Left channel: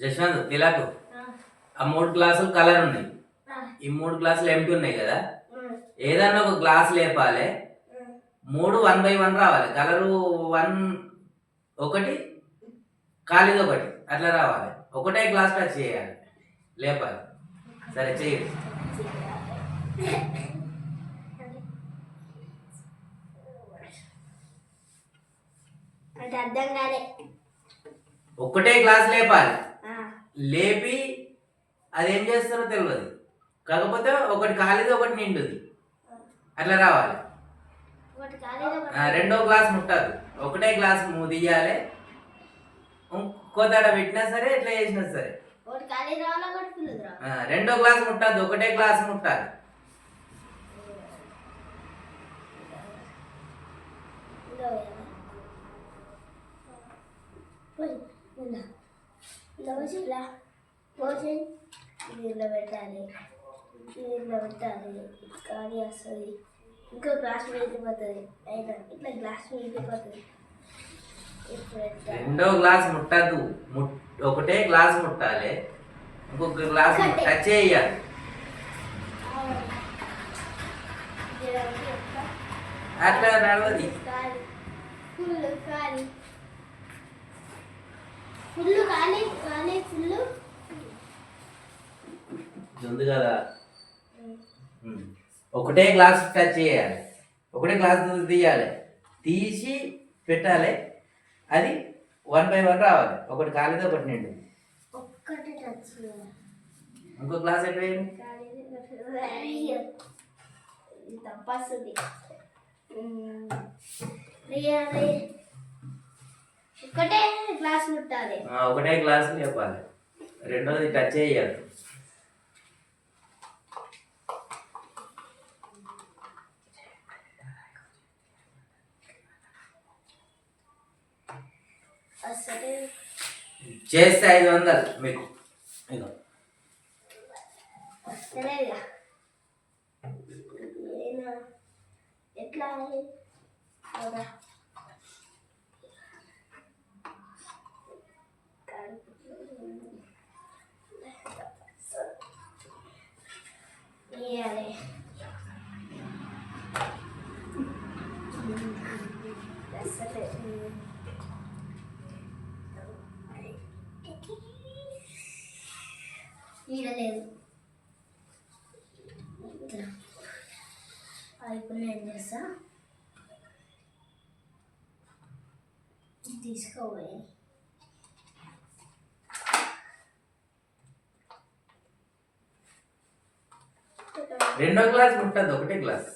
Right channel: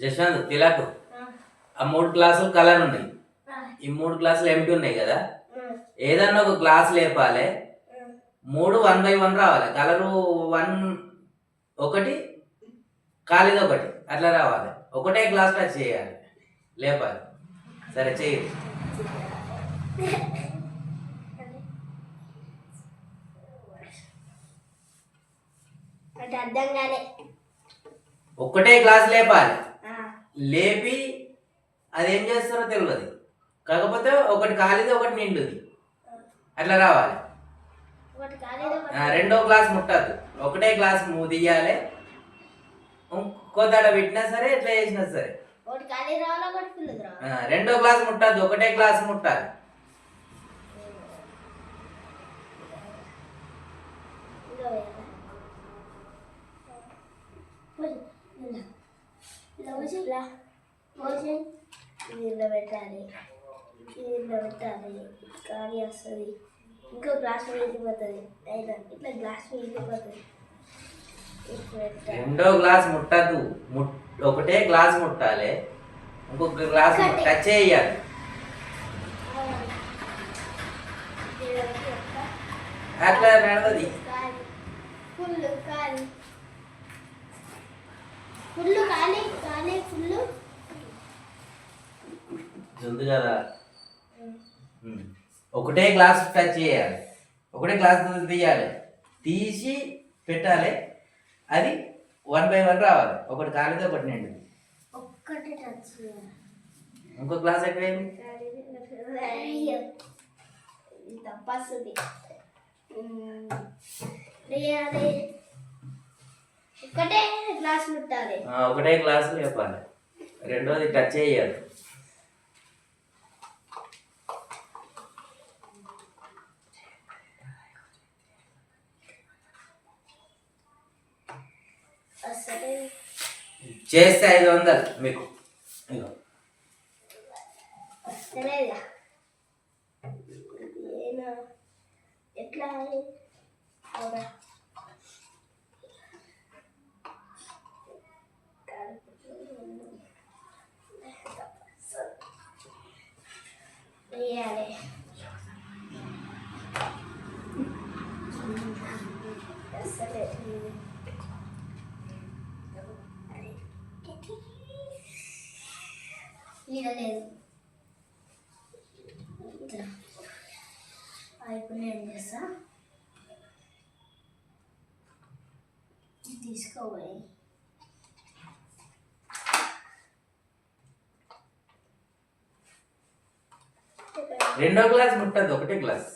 జశ్వంత్ తిలకు ఆ 3 గ్లాసులు కలర్ ఉన్నాయి, ఈ 3 గ్లాసులు ఎంటీ ఉన్నాయి కదా, ఏదన్నా ఒక గ్లాస్ లేపాలి, 3 1 by 1 రావాలి. కలరు 1 ఒకటి, ఖాళీది ఒకటి, అట్లా రావాలి. ఒకటే గ్లాస్ టచ్ చేయాలి, లేపాలి. సరే చెయ్యి. ఒకటే గ్లాస్ లేపాలి, లేపి అదేం చేస్తారో తెలియదు, కాకపోతే ఒకటి ఖాళీది ఒకటి నిండుది, అట్లా రావాలి. రెండో గ్లాస్ ముట్టద్దు, ఒకటే గ్లాస్ తీయాలి. ఇంకోదాడ పెట్టినా సరే ఎట్లా చేసినా సరే రెండో గ్లాస్ ముట్టద్దు, ఒకటే గ్లాస్ ముట్టాలి. నీళ్ళు పెట్టాలి, నీళ్ళు పెట్టాలి, ఖాళీ వస్తుంది. ఇంకో గ్లాస్ మిగిలిపోతుంది, అయినా ఇట్లా గ్లాస్ మిగిలిపోతుంది. రెండో గ్లాస్ ముట్టద్దు, ఒకటే గ్లాస్ ముట్టాలి, ఇంకొక గ్లాస్ టచ్ చేయాలి. అట్లా నడవది. ఫుల్ ఖాళీ, ఫుల్ ఖాళీ, ఖాళీ ఫుల్ ఉంది కదా. ఒకటే గ్లాస్ టచ్ చేయాలి, ఒకటే గ్లాస్ తీయాలి, తీసి పెట్టాలి. అది 1 by 1 రావాలి. ఒకటి ఖాళీది ఒకటి నిండు. ఇంకో గ్లాస్ అయిపోయింది. తప్పస్తుంది. ఒకటే గ్లాస్ ముట్టాలి, ఒకటే గ్లాస్ చెప్పాలి, రెండోది టచ్ చేయాలి. చేస్తే 500 మీకు. ఎట్లా వేయాలి. లేదు ఇప్పుడు నేను చేస్తా, తీసుకోవాలి. రెండో గ్లాస్ ముట్టద్దు, ఒకటే గ్లాస్.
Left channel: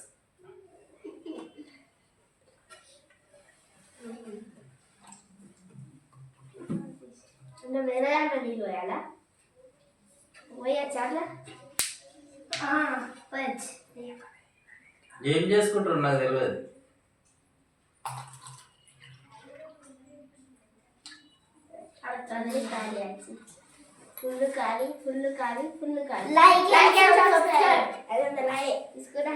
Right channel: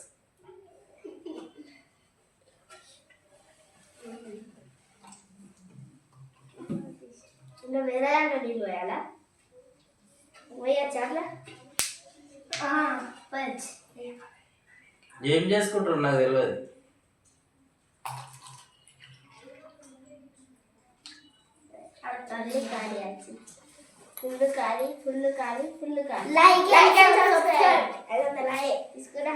వేరే దాంట్లో నీళ్ళు పోయాలా? పోయచ్చా అట్లా? పోయచ్చు. ఏం చేసుకుంటారు నాకు తెలియదు. ఫుల్ ఖాళీ, ఫుల్ ఖాళీ, ఫుల్ ఖాళీ. Like and subscribe. తీసుకురా.